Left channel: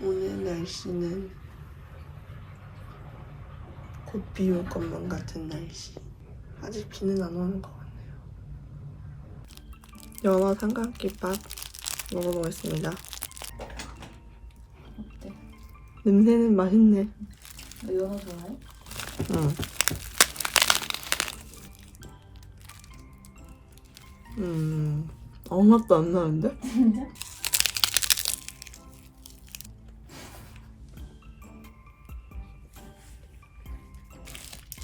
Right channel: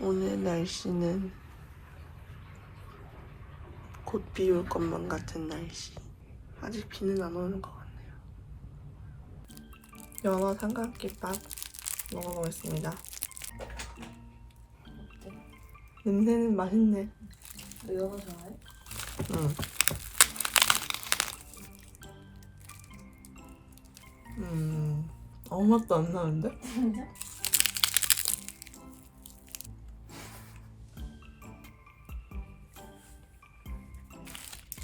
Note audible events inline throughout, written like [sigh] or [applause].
오늘 날씨는 곧 비 올 것만 같은 날씨. 아직 비는 안 오는 것 같네요. 연어 삼각김밥 먹어보겠습니다. 냄새는 맛있네. 너 연어 좋아해? 응. 음, 아무 맛도 안 나는데? 진짜?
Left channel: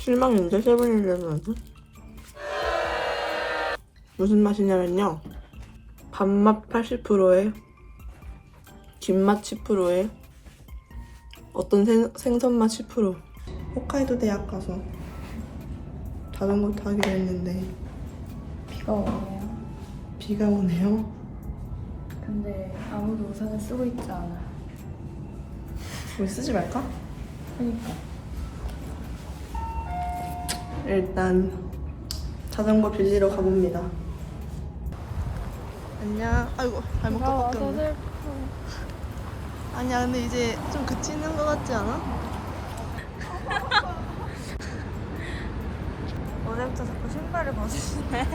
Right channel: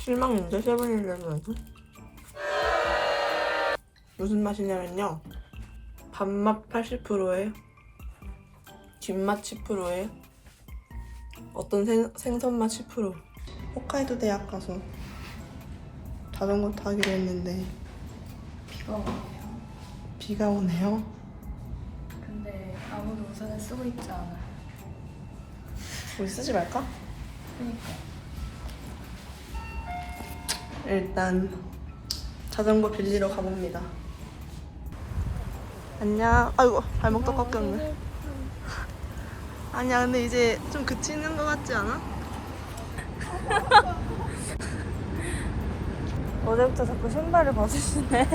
실망인데 세븐일레븐에서 무슨 맛이냐면요 밥맛 80%에 김맛 10%에 어떤 생, 생선맛 10% 홋카이도 대학 가서 자전거 타기로 했는데 비가 오네요. 비가 오네요 근데 아무도 우산을 쓰고 있지 않아. 우리 쓰지 말까? 그니까. 일단 자전거 빌리러 가봅니다 안녕 아이고 발목도 꺾였네 아니야 근데 이제 좀 그치는 것 같지 않아? [laughs] 어제부터 자꾸 신발을 벗으시네. [laughs]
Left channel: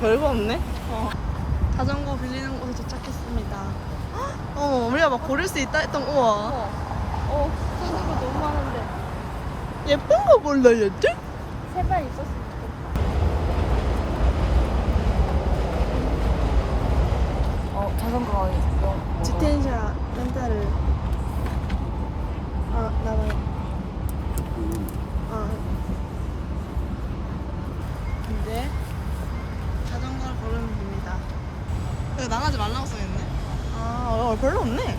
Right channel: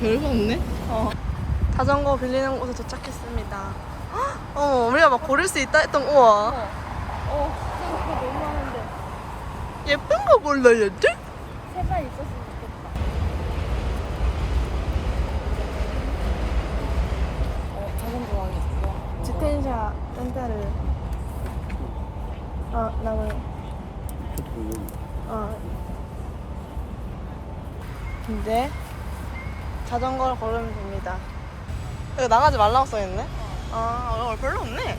별거 없네 어. 자전거 빌리는 곳에 도착했습니다 어 우리가 막 고를 수 있다 했던 우와. 어, 생각이 너무 많은데. 예쁜 거 골라야지 세발 있었어. 어, 자전거. 지텐샤 한 달래 아 나가 아 이제 자전거를 걸으면 됩니다. 여기 나가지 말라고 써있네 아 어, 별로 없네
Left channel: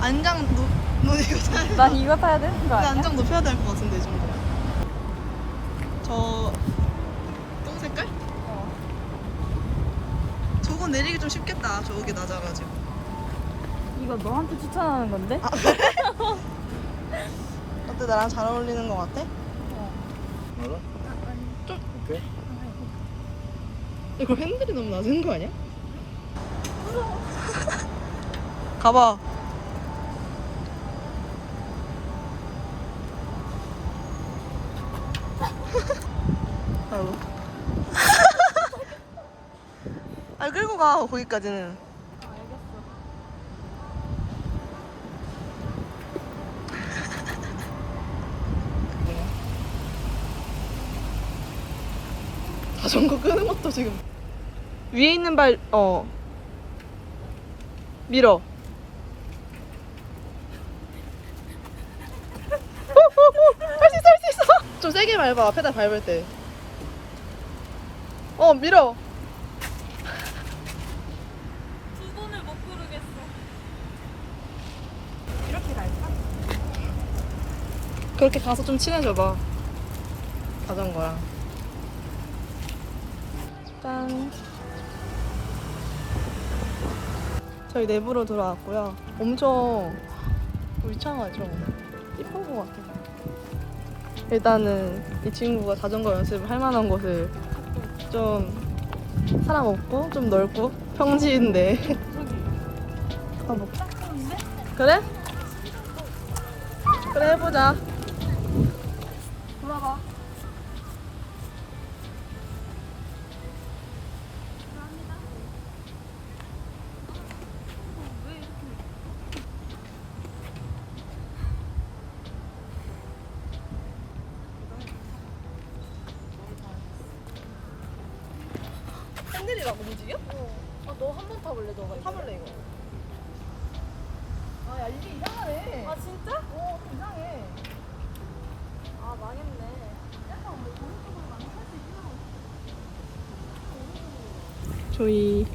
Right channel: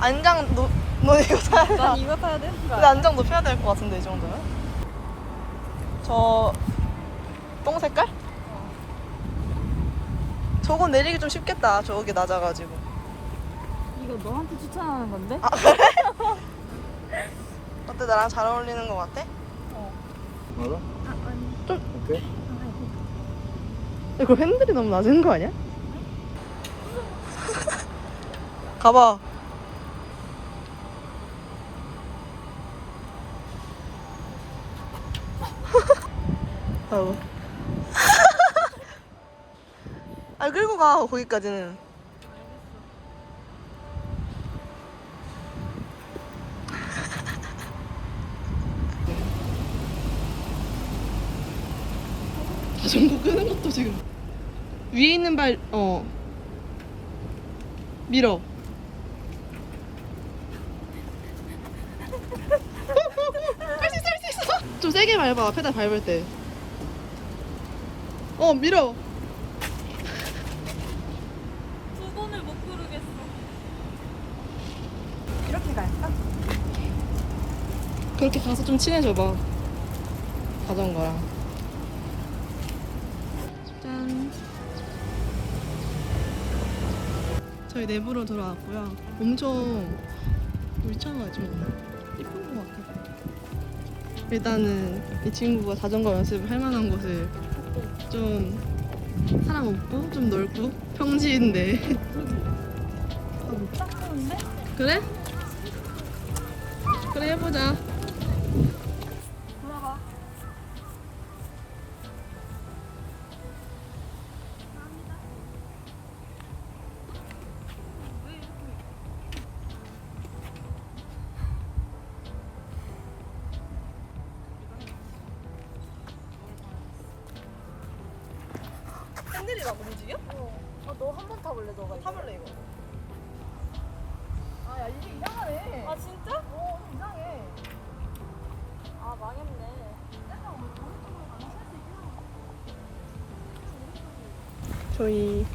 안장 노, 너 이거 사야 돼 난 이거 타야 되는 거 근데? 안장 높여야 될 것 같은데 이 정도면 저 똥 색깔? 저건 내리기 좀 쉽겠다 저기 낮아가지고 이거 너한테 추천하는 건데? [laughs] 어때 나랑 잘 어울리는 것 같아? 맞아? 아, 아니. 오케이. 이거 핸들이 너무 낮은 거 아니야? [laughs] 가봐. [laughs] 아이고. [laughs] 아 끌고 가 거기까지는. 자전거 끄는 것도 지금 위에 있는 발 어 밀어. 할 수 있어 할 수 있어. 좀 세게 밟아 페달 밟을 때 어 밀어. 두 번을 못 부르겠어. 이렇게 갈까? 그렇게 가서 좀 친해져 봐. 자전거랑 저희 내부로 들어왔고요. 엄청 울창하죠. 이쁜 것 같아요. 일단은 이 친구가 자전거 연습을 할 만한 곳을 좀 사람 없고 좀 넓고 평지인데. [laughs] 가볼까? 그래? 그래 해보자 핸들이라고 움직여? 아, 너 한 번 타볼래, 너가? 이거? 타볼래 이거 아 야 이게 이상하네 아, 진짜? 어 좀 이상해 아, 망했네. 약간 오른쪽으로 가면 살수 있긴 저희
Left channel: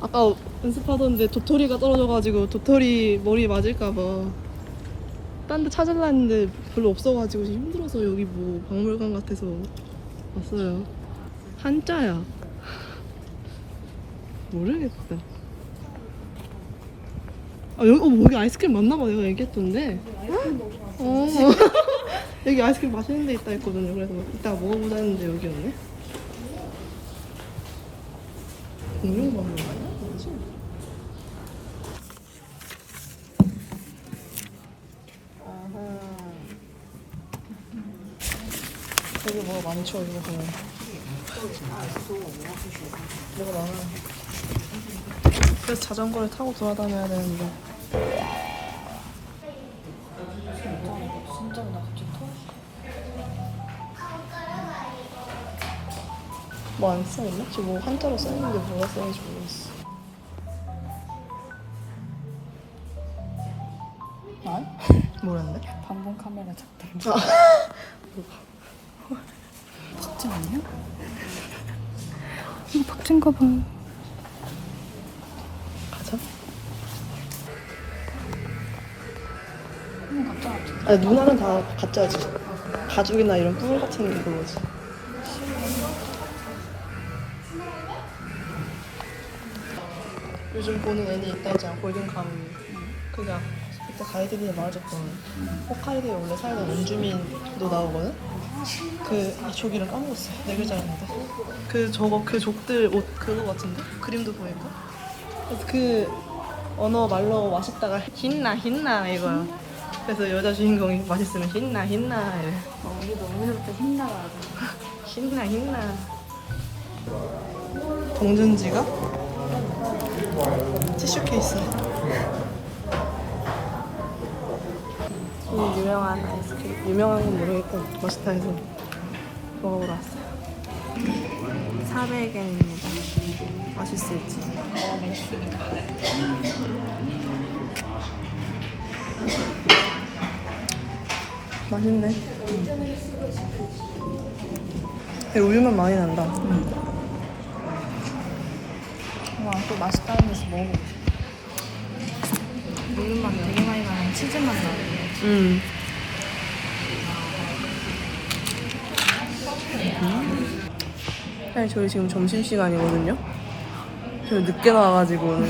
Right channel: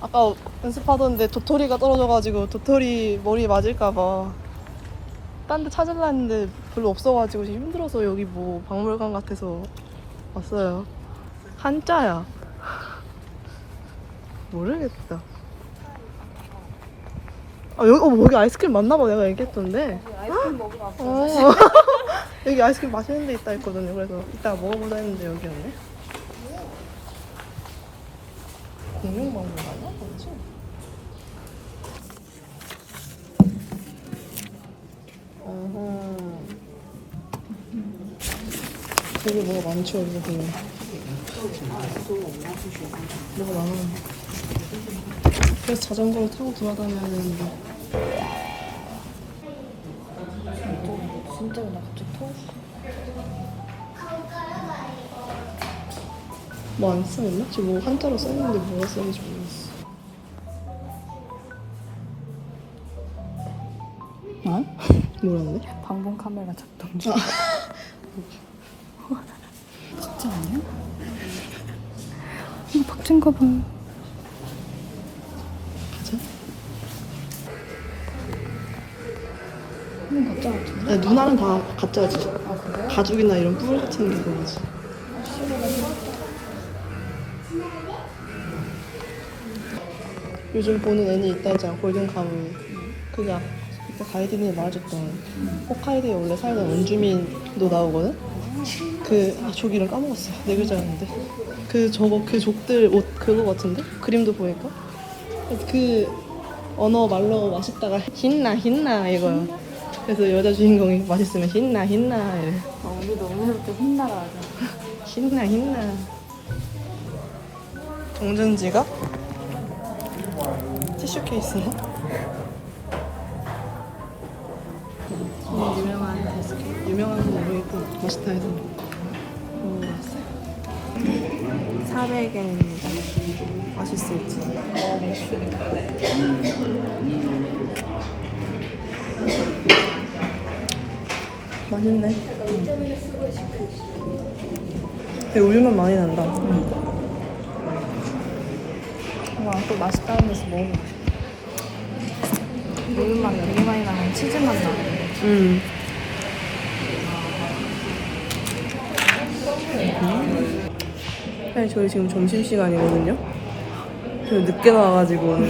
아까 연습하던데 도토리가 떨어져가지고 도토리 머리에 맞을까봐 딴 데 찾으려 했는데 별로 없어가지고 지금 힘들어서 여기 뭐 박물관 같아서 왔어요 한자야 모르겠다 아 여기, 어, 여기 아이스크림 맞나봐 내가 얘기했던데 아이스크림 먹으러 왔어. 어. 여기 [laughs] 여기 아이스크림 맛있는 데 있다 했거든요. 그래서 이따 먹어보자 했는데 여기 였네. 공룡 먹는 거 아니야? 그렇지? 되게 뭐가 많죠, 이거. 뭐가 많아. 그래서 자전거를 타고 돌아다녀야 되는데. 진짜 나뭐안 써있나? 지금 뭐 한자로 써있는데 뭐가 써있는지 모르겠어. 응? [laughs] 뭐였네? 방송 카메라 작동 아. [laughs] 진짜 아니야? 이거 박진가 봐. 아니 누나는 다 가짜 지. 가죽이나 이런 뿔 같은 게 그거지. 요즘 보는 애니 있다 했잖아. 골든 가물. 그게 이따 가이드lin에 나와줬거든. 홋카이도에 원래 살던 원주민도 나오거든. 그 이쪽이랑 까먹었어. 네 글자였는데. 그 저거 그 족들 옷 그거 같은데? 그림도 보니까. 그 언어 말로 맛있다가 힌나 힌나 이거야. 그래서 여자 주인공이 맛있으면 힌나 힌나 이래. 아, 우리도 오늘부터 힘나라 하자. 힌나 [laughs] 힌나. 동전 지갑? 티슈 케이스인가? 이 유명한 아이스크림. 유명한 건 모르겠고 맛있다 해서 먹어보러 왔어요. 400엔입니다. 맛있을지. 맛있 네. 근데 우유만 많이 난다. 와, 또 맛있다는 데서 먹어보고 싶어. 우유맛 되게 많이 나는 치즈맛 나는데. 음. 사실 저희 지금 점심 시간이거든요. 저희 늦게 나와가지고 오늘.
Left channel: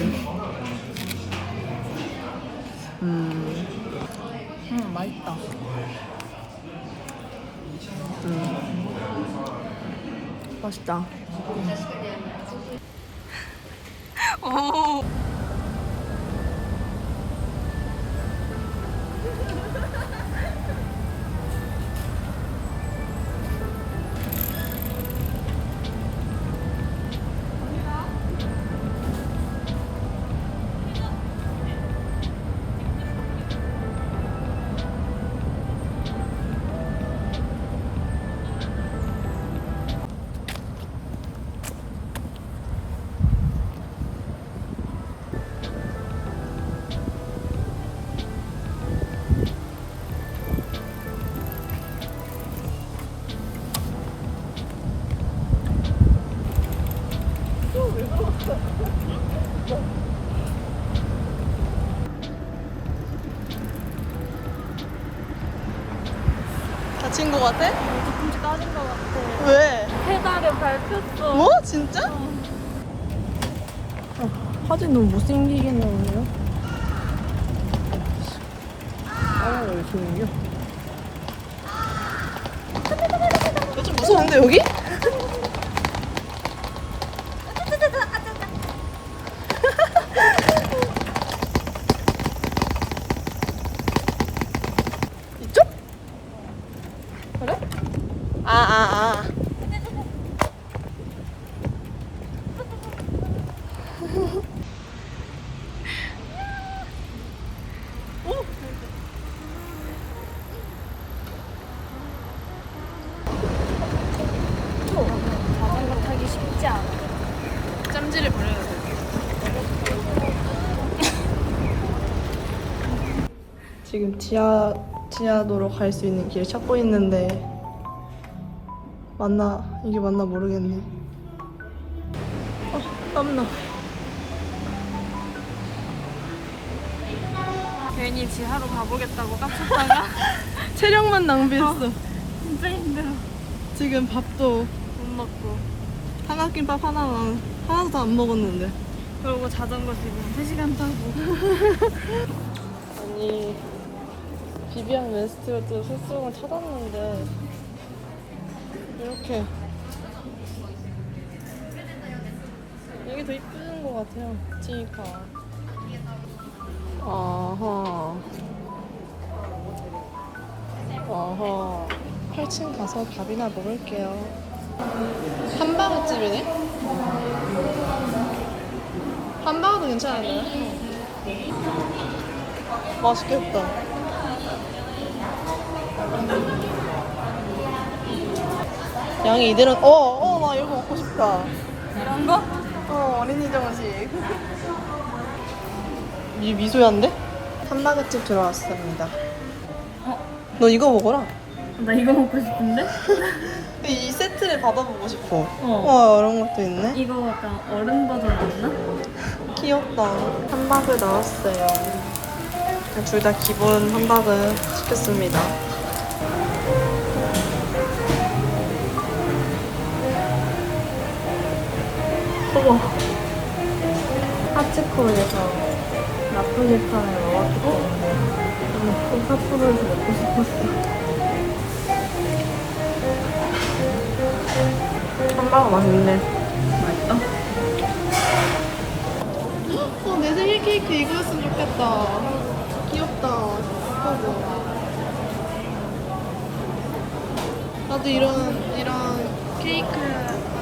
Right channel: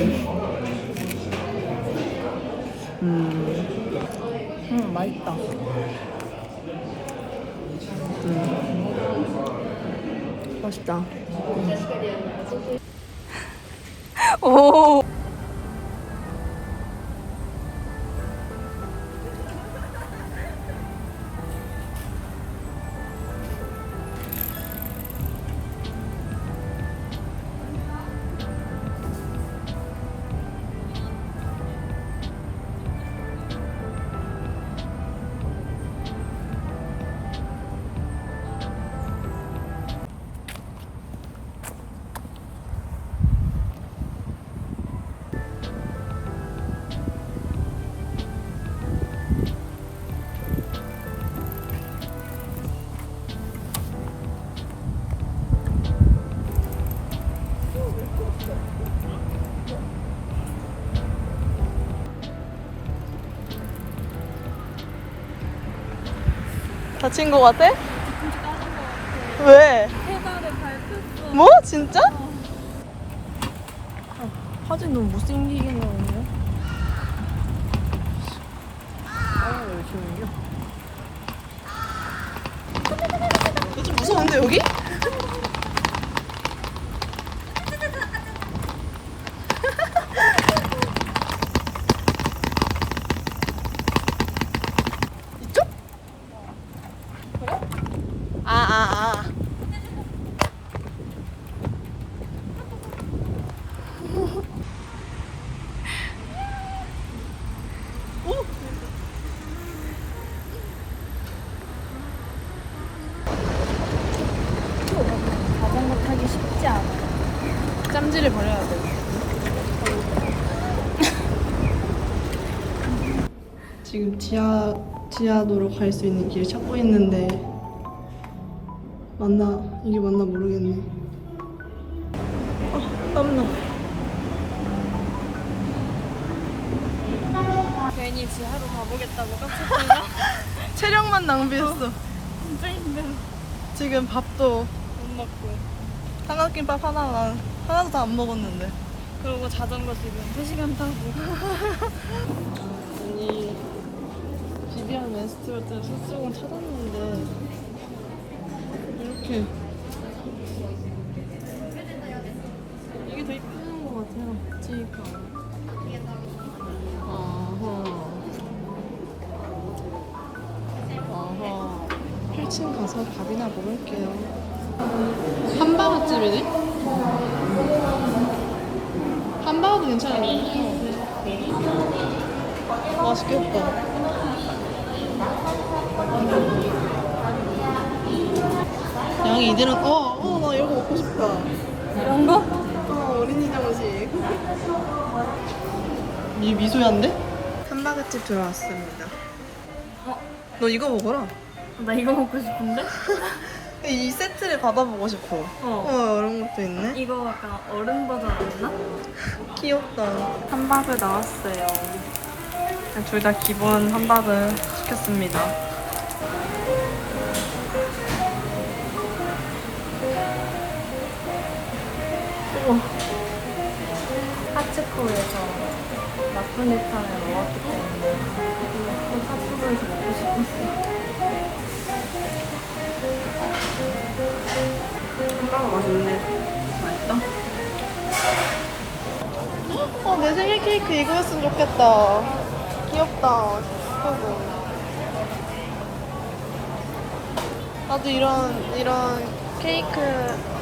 음, 응, 맛있다. 맛있다. 오. 같아? 뒤꿈치 따진 것 같아. 왜? 페달에 밟혔어. 뭐? 진짜? 어, 사진 너무 못생기게 나오네요. 아, 왜 조용히요? 좀 무서운데, 여기? 이쪽? 그래? 아, 아, 아. 오! 여러분, 타기 쉽지 않아요. 짬지를 버려야 돼요. [laughs] 지금 지하 지하도로 갈 수 있는 길 찾고 있는데 맞나 이게 맞나 모르겠네. 아 땀나. 괜히 지하로 가보겠다고 깜짝다가 [laughs] 체력만 낭비했어. 진짜 힘들어. 지금 밥도. 삼각김밥 하나만 하나도 다 안 먹었는데. 그러고 자전거 지금 3시간 타고. [laughs] 아니 비비안 웨스트우드 술수공을 찾았는데 이렇게 이게 더 이쁜 것 같아요. 지니까. 어허. 어허. 8층 가서 밥이나 먹을게요. 함바오집이네? 함바오도 괜찮은데? 맛있겠다. 양이 이대로, 어, 어, 나 이런 거 먹고 싶다. 이런 거? 어, 어린이 정식. 이 미소ян데? 함바그집 들어왔습니다. 어? 너 이거 먹어라. 나 이거 먹고 싶은데? [laughs] 이 세트를 받아보고 싶어. 어. 와, 이런 것도 있네. 이거 약간 어른 버전 없나? [laughs] 귀엽다. 함박을 나왔어요. 둘 다 기본 함박을 시켰습니다. 어머, 하츠코에서 나폴리탄을 예약했는데 그 콘서트에서 먹고 싶었어. 함박은 맛있네. 맛있다? 어, 내 생일 케이크 이거였으면 좋겠다. 귀엽다. 예쁘고. 나도 이런, 이런 케이크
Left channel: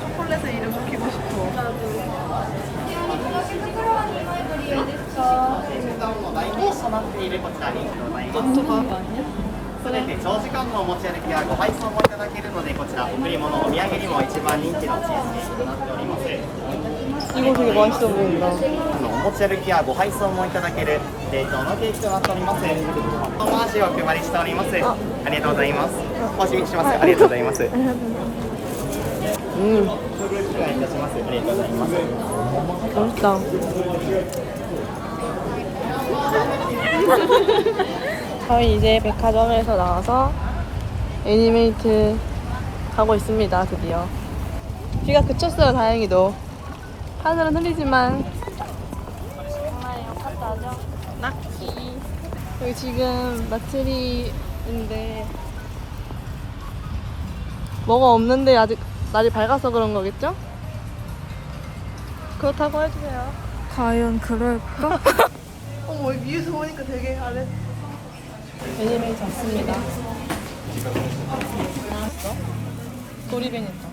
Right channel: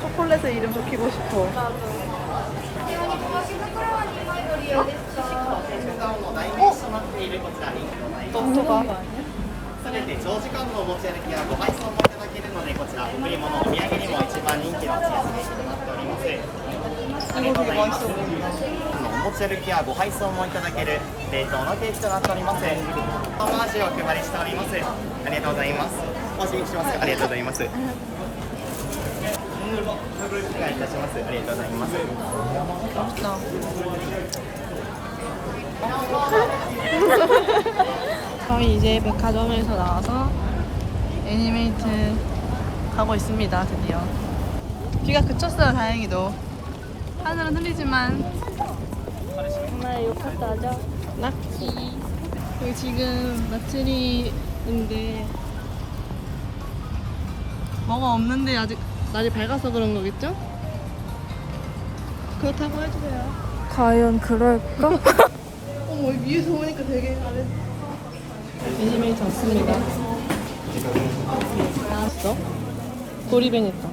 초콜릿에 이름 적히고 싶어. 어떡하? 船で長時間のお持ち歩きやご配送もいただけるのでこちら贈り物お土産にも一番人気のチーズケーキとなっておりますお持ち歩きやご配送もいただける冷凍のケーキとなっておりますお回しをお配りしておりますありがとうございますおしみしますありがとうございます、うん、失礼いたしますありがとうございますどうした 저희 이제 백화점에서 나와서 애니메이트 가고 있습니다, 드디어. 비가 그쳤어요, 다행히도. 하늘은 흐리지만. 락키. 여기 지금 마트리인데, 뭐가 없는데 아직 날이 밝아서 그런 거겠죠? 그렇다고 해주세요. 과연 그럴까? [laughs] 어머 위에서 보니까 되게 아래 애니메이트 왔습니다. 나왔어? 도리벤했다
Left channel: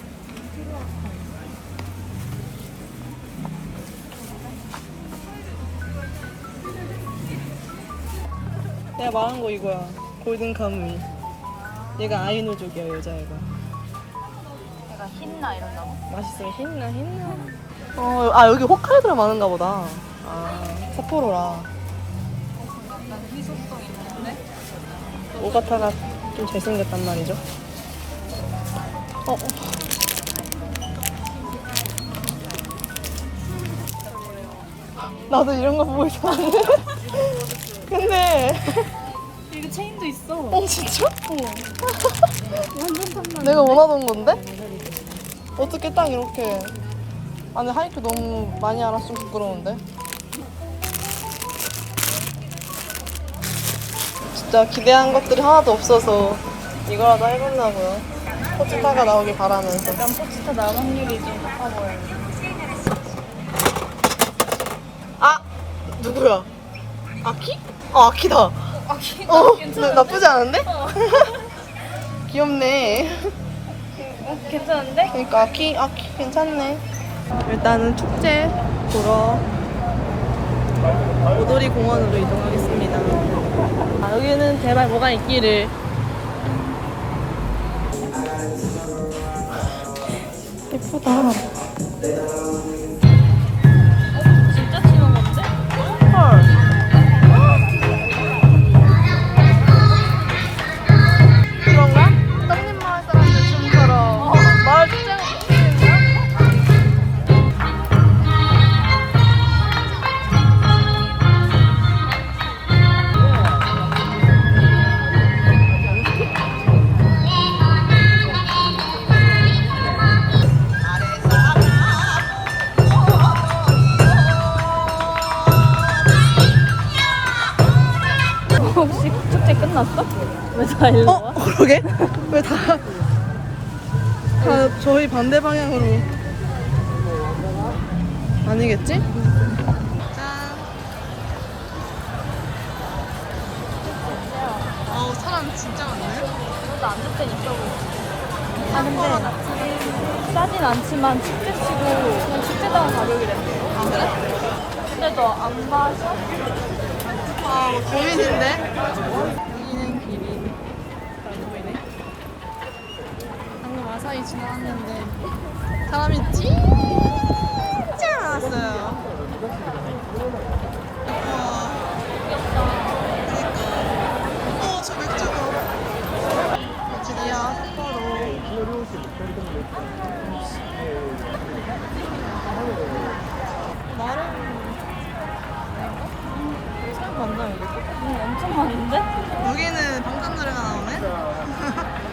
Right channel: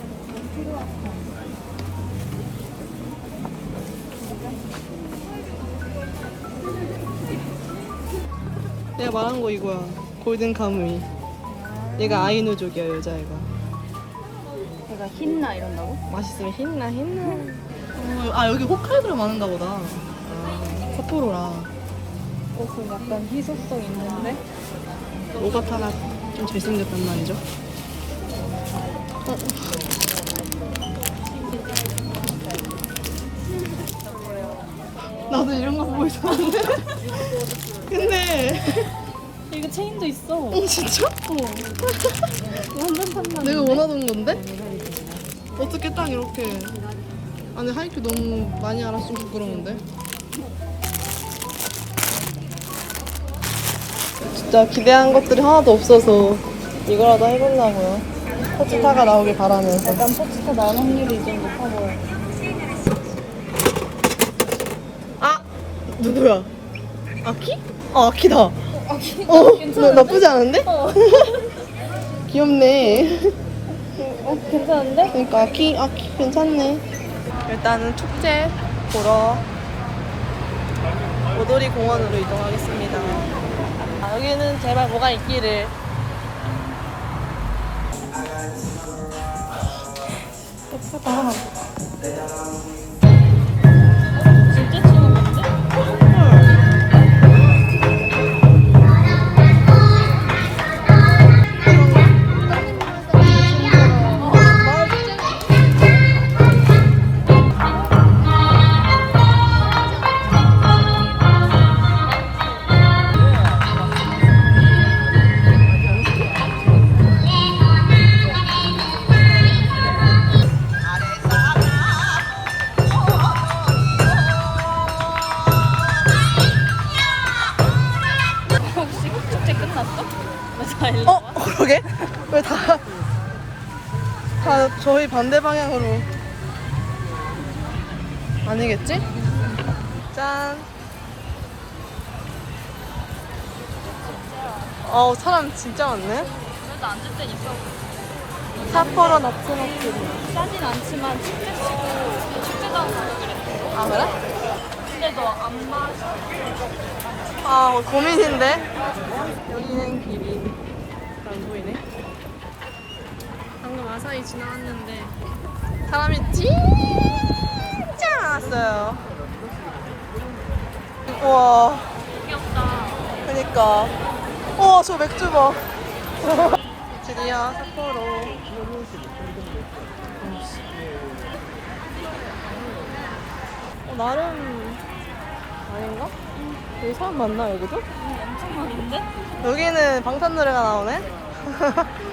내가 말한 거 이거야. 골든 카무이. 얘가 아이노족이야 여자애가. 내가 흰나 이런다고? 맛있으면 힘나 힘나. 어, 아 여기 홋카이도라 많은가 보다. 아 삿포로라. 옷은 약간 희소성 있는데? 오가타가 좀 잘생겼단 말이죠. 어. 어. 나도 이런 거 보고 있었는데. [laughs] 근데 이거 체인도 있어. 어 진짜? 완전 탐나. 내가 원하던 건데? 어떻게 딱 이렇게 아니 하이큐 너무 많이 알았으면 부끄러운데. 진짜 기대한 것들이 하나도 없어서 이거라도 해보려고 포츠타가 나오길 바라면서 약간 포스터 나온 확률이 좀 높아 보여. 아 누구야? 아키? 아 아키다. 아키. 어 나, 나쁘지 않은데? [laughs] 귀엽네. 어, 괜찮은데? 그러니까 아키 아키 괜찮네. 일단은 축제 보러 오도리 공원으로 이동하겠습니다. 여기는 제발 뭐가 있기를. 예쁘다. [laughs] 다 저희 반대 방향으로. 아니겠지? 짠. 어우, 사람 진짜 많네. 삿포로 나츠마치. 싸진 않지만 축제도 축제도 아, 그래? 아, 뭐 고민인데? 여기는 길이 아사히 지나왔는데 사람이 진짜 많았어요. 우와. 그니까. 우와, 저 맥주 봐. 드디어 삿포로. 어, 나름 아닌가? 여기 사람 많나 여기도? 엄청 많은데? 여기는 방탄 노래가 나오네. [laughs]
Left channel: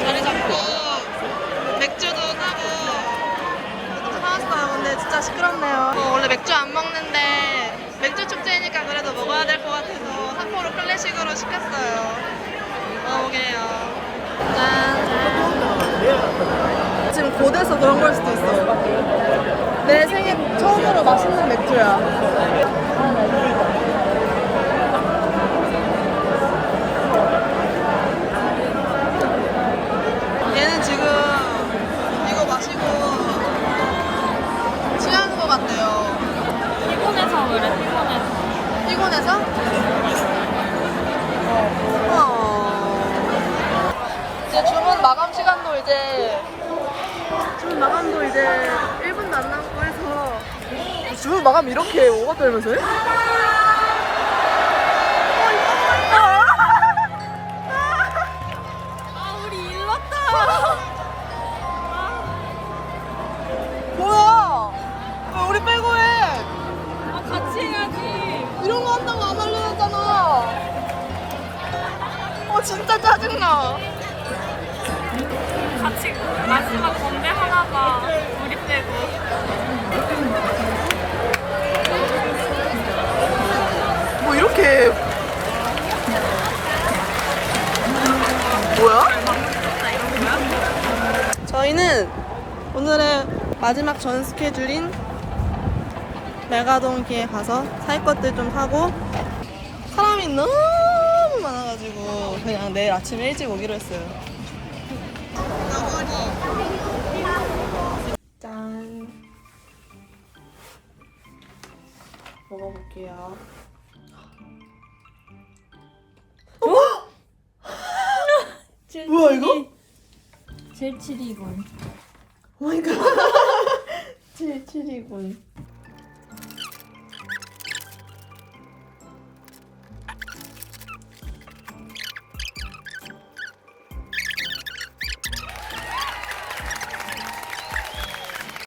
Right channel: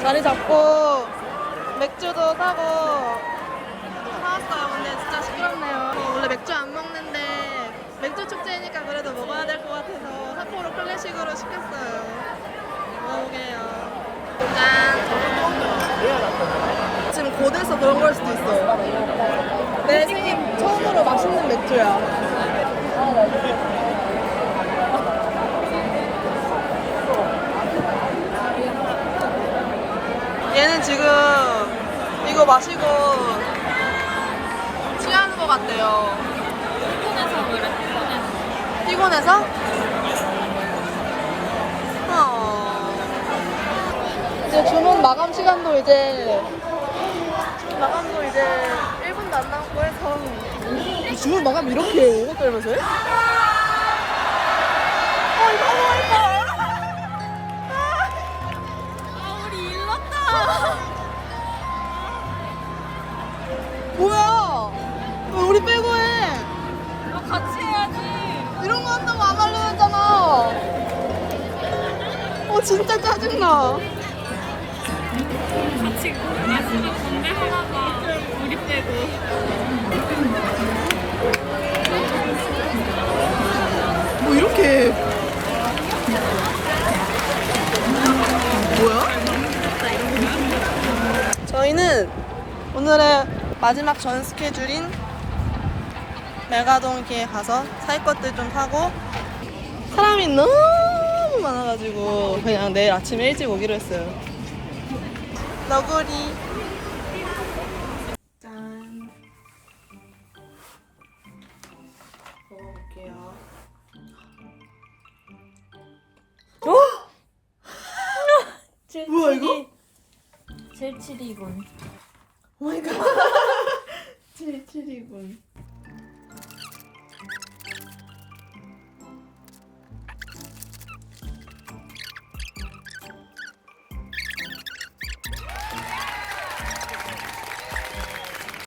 자리 잡고 맥주도 사고 사왔어요. 근데 진짜 시끄럽네요. 어, 원래 맥주 안 먹는데 맥주 축제니까 그래도 먹어야 될 것 같아서 삿포로 클래식으로 시켰어요. 먹어보게요. 짠. 지금 고대서 그런 걸 수도 있어. 내 생애 처음으로 맛있는 맥주야. 얘는 지금 이거 마시고 취하는 것 같대요. 피곤해서 그래 피곤해서 피곤해서? 어. 이제 주문 마감 시간도 이제 주문 마감도 이제 1분도 안 남고 해서 주문 마감 이렇게 오버 끌면서 해? [laughs] 뭐야? 왜 우리 빼고 해? 아, 같이 해야지 이런 거 한다고 안 하려고 했잖아. 어, 진짜 짜증나. 같이 마지막 건배 하다가 우리 빼고 뭐 이렇게 해. 뭐야? 저희는 오늘의 마지막 전 스케줄인 메가돈키에 가서 살 것들 좀 사고 사람이 너무 많아가지고 그냥 내일 아침에 일찍 오기로 했어요. 너구리 짠 먹어볼게요. [laughs] 뭐야, 이거? 젤치리군. 오마이갓. 77이군